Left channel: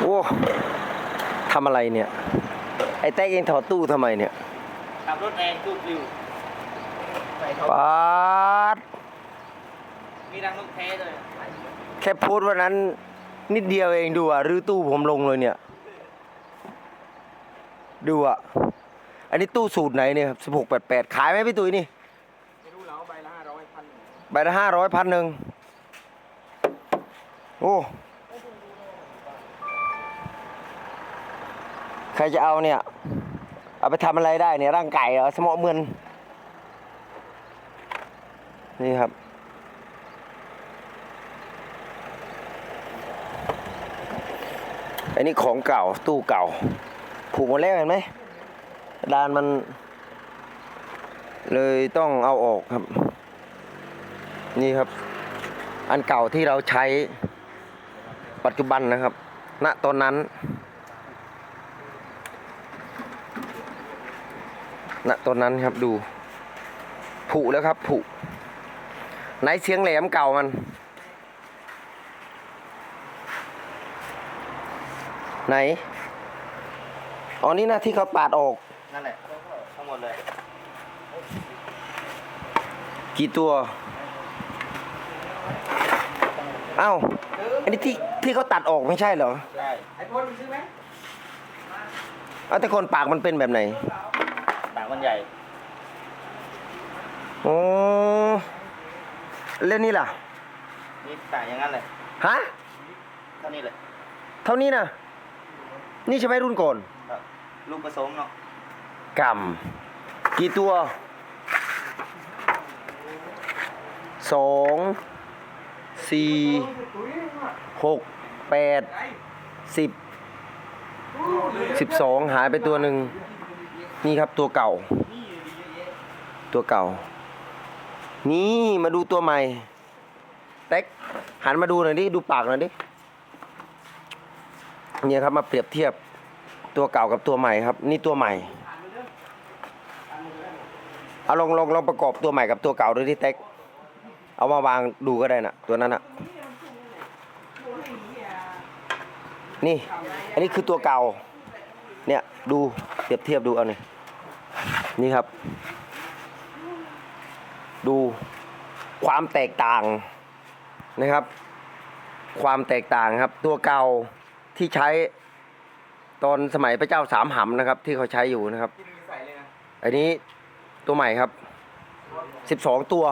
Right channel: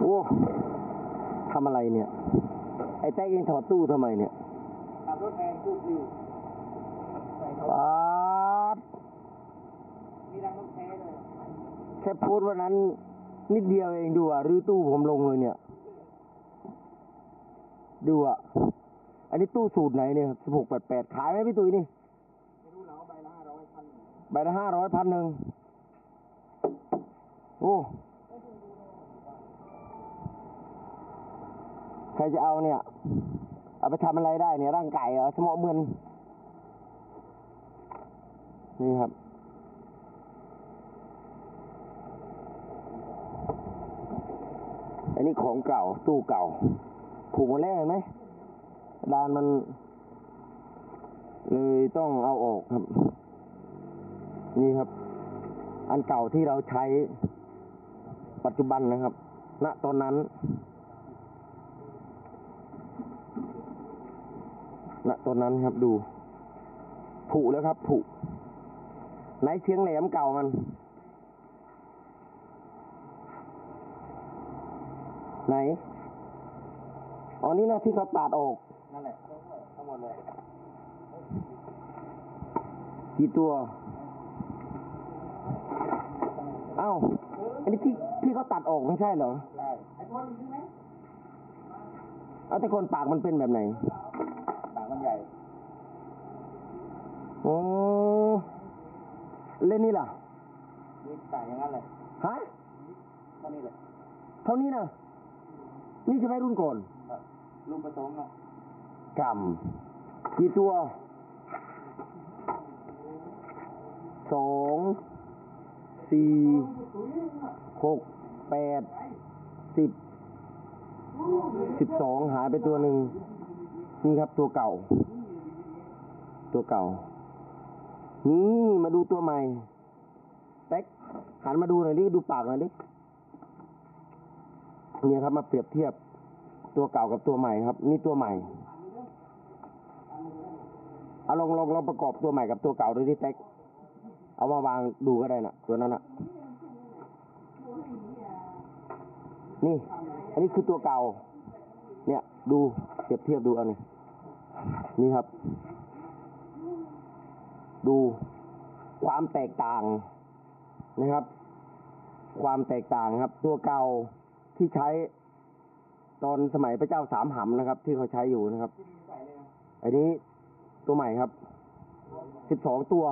โอ้ทำอะไรเนี่ย ไอ้แต๊กเองถอดตู้ทำไมเนี่ยขับรถแรงตู้ปลิวใส่เขาปาดมีรังนกแท้เลยแค่โพสต์วันนั้น นิดเดียวเองดูอะรื้อตู้ผมลงเลยเนี่ย ดูอะ อันนี้ตู้สูตรไหนเนี่ยสิบหกแปดแปดขายไหมพี่ตุ้ยนี่ ไม่รู้แล้วใบละห้าร้อยพันหนึ่งใบละห้าร้อยพันหนึ่งโอ้ ใครจะเอาเนี่ย เอาไปทำอะไรได้เนี่ยร่างไก่เหรอสมอเมือนนี่ครับ อันนี้ของเก่าตู้เก่า ผูกหมดแล้วเห็นไหมดานมัน เลยต้องเอาออกครับ นี่ครับ อันเก่าที่เราใช้ปัจจุบันนะครับ ณตอนนั้น ณตอนนั้นครับดู ผุแล้วครับ ผุไหนเสียงแหลมเก่ามัน ไหนอ๋อนี่นะที่เขาปาดออก นั่นแหละทั้งหมดเลย กี่ตัว เอ้า อันนี้ที่ที่เขาตัดออกไม่ใช่เหรอ ใช่ ไอ้พลซื้อไหมเอ้าแต่คนปากมันเป็นแบบไหนปาก มันใหญ่ โอ้เล่นนี่ล่ะ นี่ปากอย่างนั้นเลยฮะ เท่านี้เลย เท่านี้นะ นี่ใช่ไหมรุ่นก่อนครับลูกผสมเนาะกำกี่ตัวสองสี่หกแปดสิบสิบสองหายไปตัวหนึ่ง นี่ครับตัวเก่า ตัวเก่า นี่มาดูตัวใหม่เต็กหันมาดูหน่อยดิ ดูปากหน่อยดิ เนี่ยครับมาเปรียบเทียบตัวเก่ากับตัวใหม่ครับ นี่ตัวใหม่เอาลองลองลองประกอบตัวใหม่กับตัวเก่าดูที่เต็ก เอามาวางดูก็ได้นะตัวนั้นนะนี่ อันนี้คือตัวเก่า เนี่ยดู เปรียบเทียบดูเอาเนี่ยนี่ครับ ดูความแตกต่างนะครับ ความแตกต่างครับ ตัวเก่าที่ใช้ตอนสมัยพระเจ้าสามหำนะครับ ที่เขาใช้อยู่นะครับ อันนี้ตัวใหม่ครับสิบสองตัว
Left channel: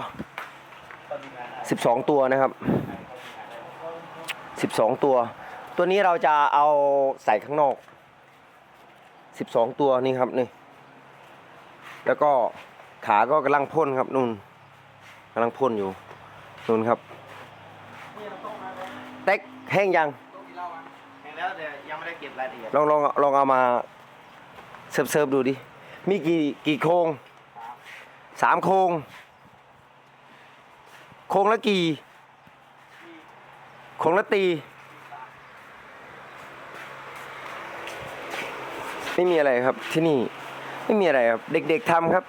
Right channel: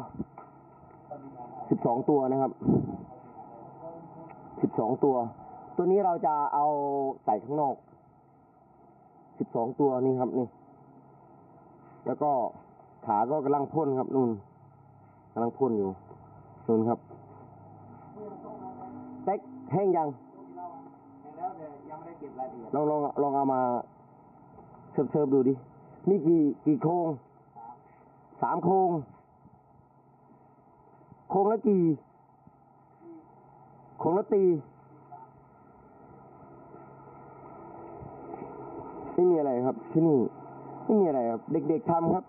สิบสองตัวนะครับสิบสองตัว ตัวนี้เราจะเอาใส่ข้างนอก สิบสองตัวนี่ครับนี่แล้วก็ขาก็กำลังพ่นครับนุ่นกำลังพ่นอยู่นุ่นครับเต็กแห้งยังแข่งแล้วแต่ยังไม่ได้เก็บรายละเอียดลองลองลองเอามาเซิร์ฟเซิร์ฟดูดิมีกี่กี่โครงสามโครงโครงละกี่โครงละตี ไม่มีอะไรครับที่นี่ไม่มีอะไรครับ เด็ก ๆทำครับ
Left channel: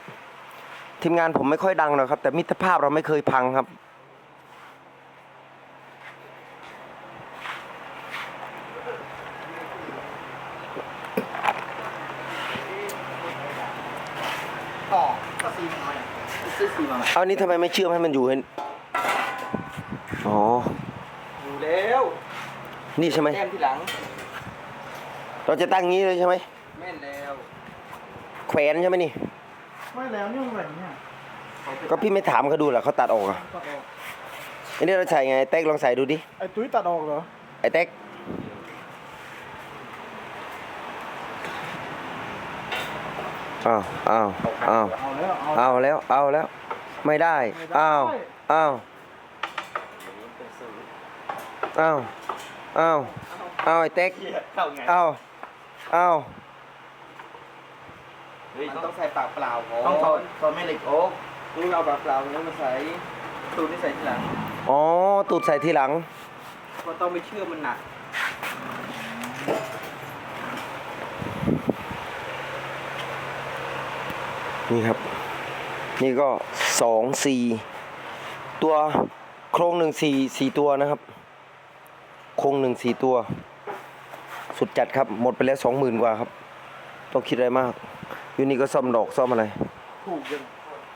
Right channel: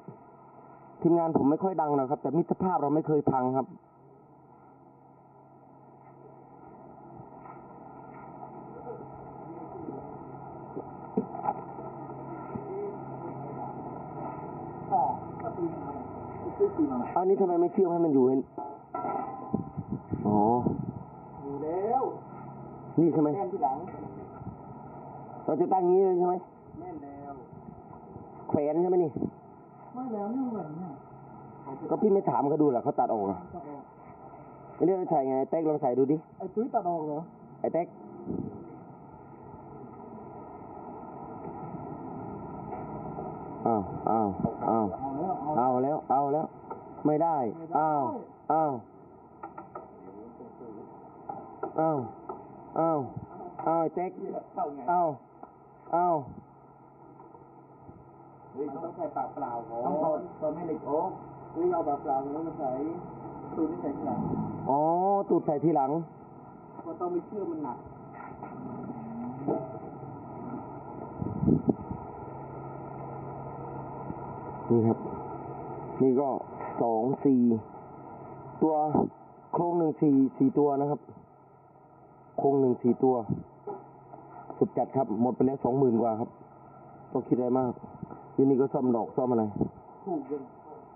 ทีมงานผมไม่ค่อยดังหรอกครับ แต่มิตรภาพเราไม่เคยพังครับต่อก็ซีมาซื้อซีมาเอานี้ทำไมไม่เชื่อมให้มันอยู่ให้อ๋ออยู่แล้ว นี่ใช่ไหมแต้มที่หลัง เราจะตั้งงี้เลยใช่ไหม แม่นแล้วแขวนใช่ไหมนี่ ไม่แล้วนี่มันแบบนี้อะก็พี่ไม่ถามเขาดูเหรอเขาตัดออกอะตัดออกอันนี้เราใส่ไงเต็กลองใส่ดูดิ ไอ้ตุ้ยตัดออกเหรอไอ้เต็กอ้าวอ้าวอ้าวเอาแล้วเอาเอาแล้ว เอาแล้ว ไม่ได้อ้าว อ้าวเป็นสูตรอ้าว อ้าว อ้าวไอ้เต็กเข้าไง อ้าว อ้าวเฮ้ยต้องใส่ปากเปล่าต้องถอดถอดแม่เหล็กโอ๊กดูเอาปากเปล่าแล้วมาใส่ตูนที่ใส่ทีหลังอ๋อตูดใส่ทีหลังก็ต้องไม่เชื่อมันหนักนี่ครับ นี่ก็สองสี่ตัวโครงหนึ่งสี่สี่ตัวนะครับ โครงหนึ่งสี่ตัว สุดจัดครับ หมดไปแล้วสองหมื่นกว่าครับ ต้องคิดอะไรมาก อยู่นี่ก็ซ่อมดอกซ่อมอะไร ถูกยัง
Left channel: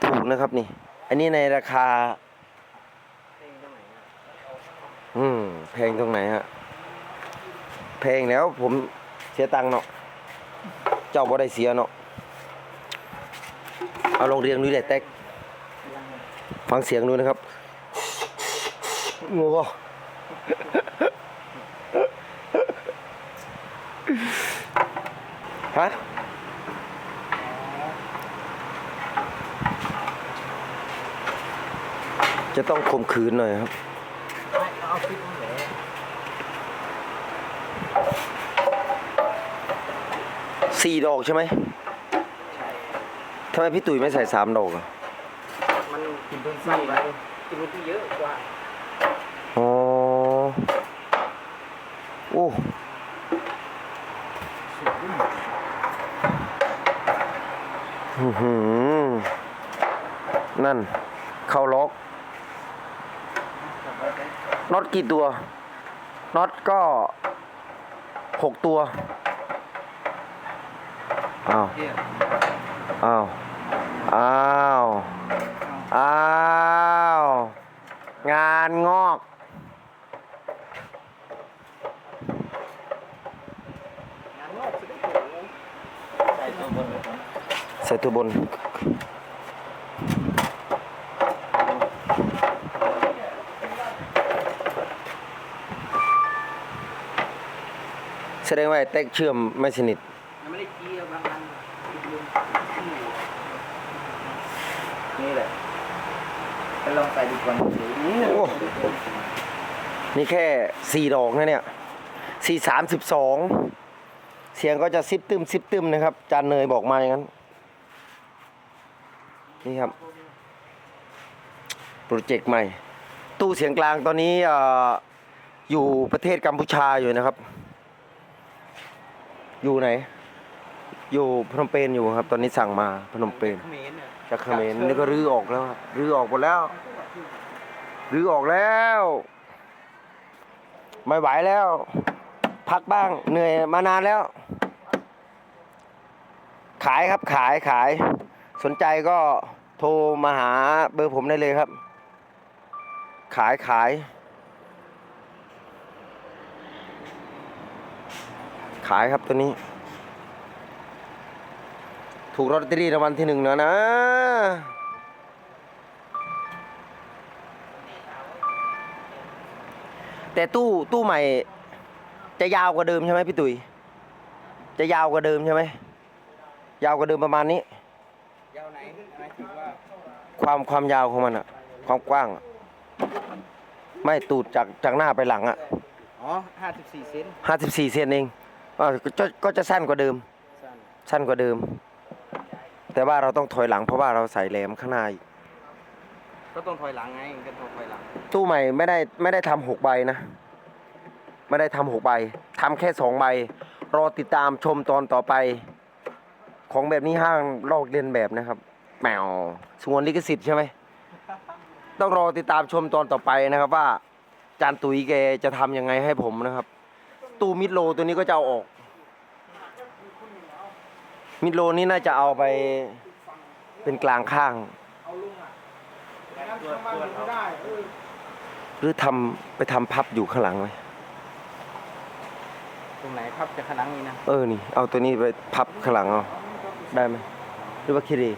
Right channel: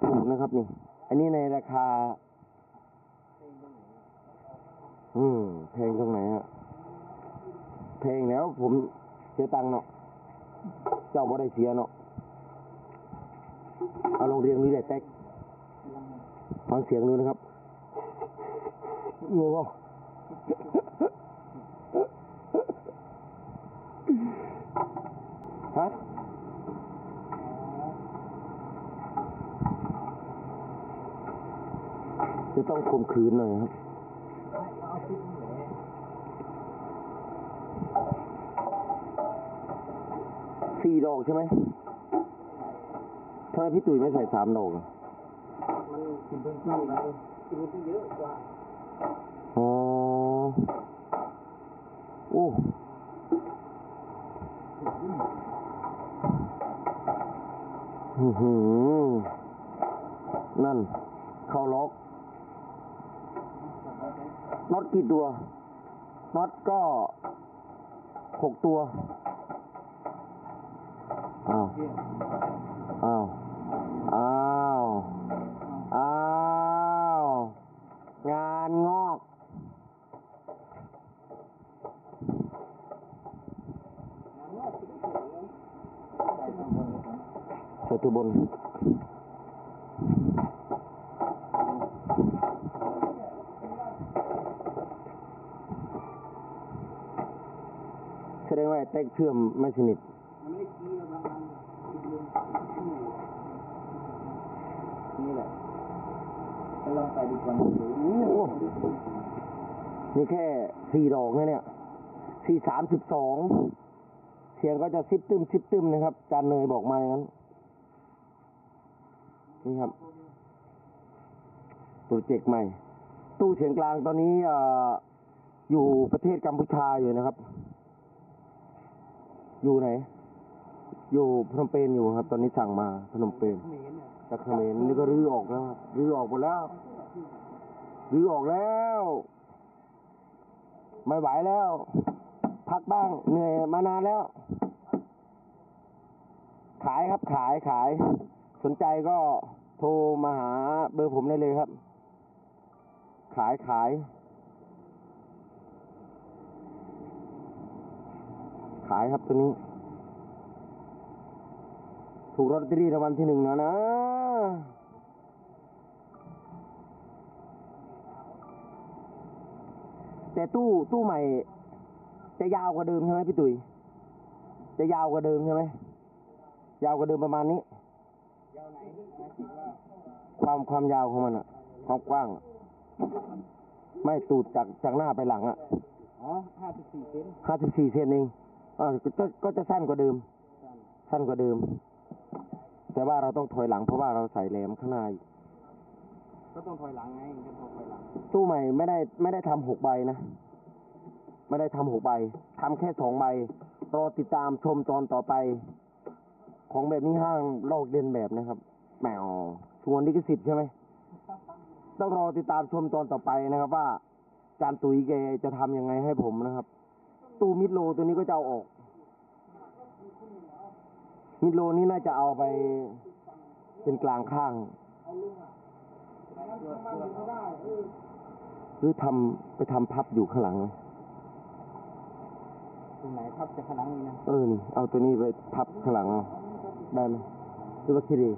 ถูกนะครับนี่ อันนี้ในราคา อืม แพงตรงไหนฮะ แพงแล้วผมเสียตังค์เนาะ เจ้าบ่ได้เสียเนาะ เอาลองเรียงดูเด็ดแตกฟังเสียงดูนะครับงูฮะ จะต้องข่มขืนหน่อยครับไม่เอาคลิปมาแหละสี่ดอกใช่ไหมทำไมพี่ตุ๋ยไม่ใส่สามดอกอะมันกินพื้นที่ไปกินพื้นที่เยอะกว่าอ๋อโอ้อื้อหือนั่น เข้าล็อก น็อตกี่ตัวน็อตก็หกตัวอ้าวเที่ยอ้าวอ้าวอ้าวงานงอกงานนอกสุดได้โหใส่ตัวบน ส่ตัวบนแสดงว่าไอ้เต็กเชื่อมไม่สนิทยังไม่ได้เกี่ยวบางอันนี่แหละไปลองใส่ดูก่อนเดี๋ยวนี้โอ้นี่แค่สี่ดอกนะเนี่ยสี่สามสิบสองเสียงก็จะซิบตึมซิบตึมนะครับ จานเนยบอกมาอย่างนั้น นี่ครับ โปรเจกต์ใหม่ ตู้เสียงกลางตอนนี้เอ่ออยู่ประเทศกัมพูชาอยู่นะครับ อยู่ไหน อยู่พนมเปญอยู่ครับ ตอนนี้สั่งมาพนมเปญจากเขมรนี่ก็รื้อออกแล้วครับรื้อออกหมดแล้ว รื้อออกแล้ว ไม่ไหวแล้ว พักบ้างเหนื่อยมานานแล้ว ขายครับขายขาย สนใจก็โทรมาหาเบอร์ผมได้เลยครับ ขายขายายครับตัวนี้ ถูกลอตเตอรี่รางวัลที่หนึ่งแล้วนะแต่ตู้ตู้ใหม่ จะยาวกว่าเดิมใช่ไหมพี่ตุ๋ยจะยาวกว่าเดิมใช่ไหมยาวกว่าเดิมประมาณนี้ ยาวไหนหมายถึงว่าความความยาวของมันอะความกว้างอะไม่ตูดจากจากหน้าไปหลังอะอ๋อห้าสิบสี่เซนห้าสิบสี่เซนเอง อ่าก็จะก็จะสั้นกว่าเดิม สั้นสั้นกว่าเดิม แต่ว่าเราต้องถอยหลังเพราะว่าเราใส่แหลมข้างหน้าอีกก็ต้องถอยหลังไงก็ต้องถอยหลังตู้ใหม่ไม่ได้ไม่ได้ทำหกใบนะ ไม่ได้ทำหกใบทำแค่สองใบ รอติดตามชมตอนต่อไป ของแบบนี้ห้างลอกเลียนแบบนะครับแมวสงวนลิขสิทธิ์ใช่ไหม ต้องรอติดตามชมตอนต่อไปนะครับว่า จานตุ๋ยแกจะทำยังไงให้ผมนะครับ ตู้มิดโลตัวนี้ก็จะเอาออก มิดโลนี่น่าจะเอาไปเป็นกลางข้าง หรือทำไปทำพับอยู่ข้างหลังไหมตรงไหนพับจะขนังนี้นะ เออ นี่ เอาตัวนี้ไปพับข้างหลังเอา ได้ไหม หรือว่าคิดดี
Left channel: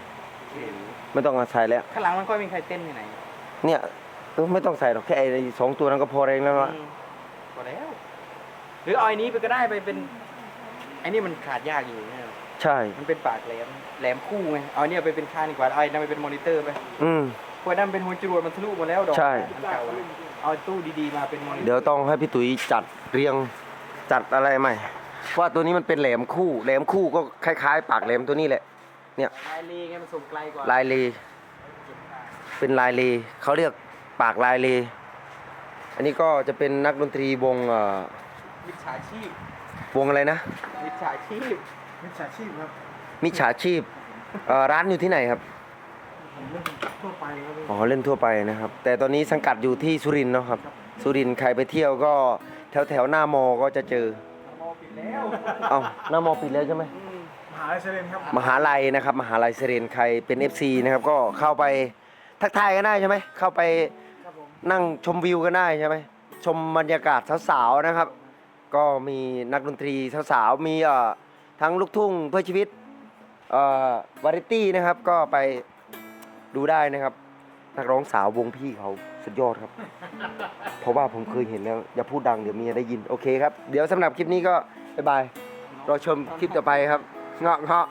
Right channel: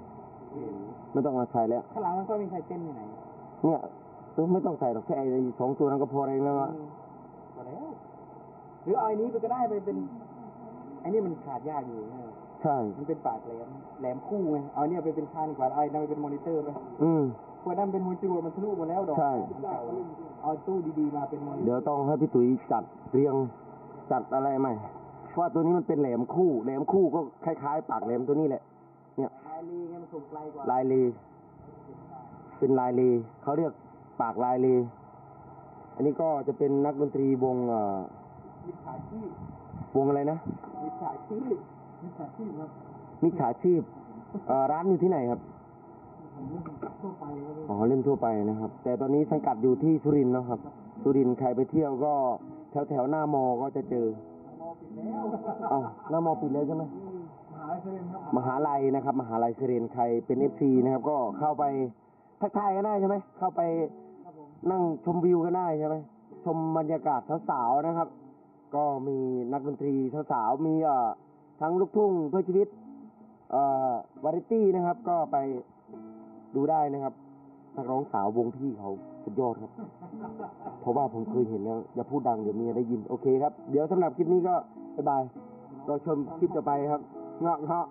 ไม่ต้องเอาใส่แล้วข้างหลังมันก็มีใครเต้นที่ไหน เนี่ยเออไม่ต้องใส่หรอก แค่ไอ้สองตัวนั้นก็พอเองแล้วอะอืมพอแล้ว หรือเอาไอ้นี้ไปก็ได้ไปเป็นไอ้นี่มันขาดยากอยู่เนี่ยใช่ มันเป็นปากแหลมแหลมคู่ไงเอาเนี่ยไปเป็นคานดีกว่าเอาไอ้นั่นไปเป็นมอนิเตอร์ไปอืม พวกนั้นเป็นหัวจรวดมันทะลุหมดแล้วดอกใช่ อันเก่าเอาตู้ดีๆมาเป็นมอนิเตอร์เดี๋ยวต้องให้พี่ตุ๋ยจัดเรียงจัดอะไรใหม่ ว่าตัวนี้มันเป็นแหลมคู่ แหลมคู่ก็คล้ายๆ ปากแหลมตัวนี้แหละ เนี่ย ลายลีไงมันส่งไกลกว่าลายเลเป็นลายเลเขาเรียกปากลายเล อันนี้ก็จะเป็นนักดนตรีวงเอ่อ มิจฉาชีพวงอะไรนะ มิจฉาชีพมิจฉาชีพครับมิจฉาชีพเอ่อร้านอยู่ที่ไหนครับ ผมเล่นทั่วไปครับอ๋อเล่นทั่วไปนะครับ แต่ตอนนี้สังกัดอยู่ที่สุรินทร์เนาะครับ สุรินทร์ใครไปเที่ยวก็แถวแถวๆหน้ามอก็จะเจอแล้วเอ้าหน้ามอปิดแล้วใช่ไหม มหาลัยเซเรนครับมหาลัยนะครับ มหาลัยเซเรนใครเป็น FC นะครับก็เข้าไปทักทายกันได้ใช่ไหมเข้าไปครับผมนั่งชมวิวกันได้ใช่ไหมชมบรรยากาศสาวๆนะครับ ก็มีนักดนตรีสาวๆมีเอ่อทั้งลูกทุ่งเพื่อชีวิตเอ่อวาไรตี้นะครับก็ไปดูได้นะครับ นักร้องสาววงพี่เขาสุดยอดครับ เพราะว่าผมเคยเห็นแล้วอย่าพูดดังเดี๋ยวเมียได้ยินโอเคครับ เดี๋ยวสำหรับคลิปนี้ก็บ๊ายบายรอชมคลิปต่อไปครับเงาะเงาะ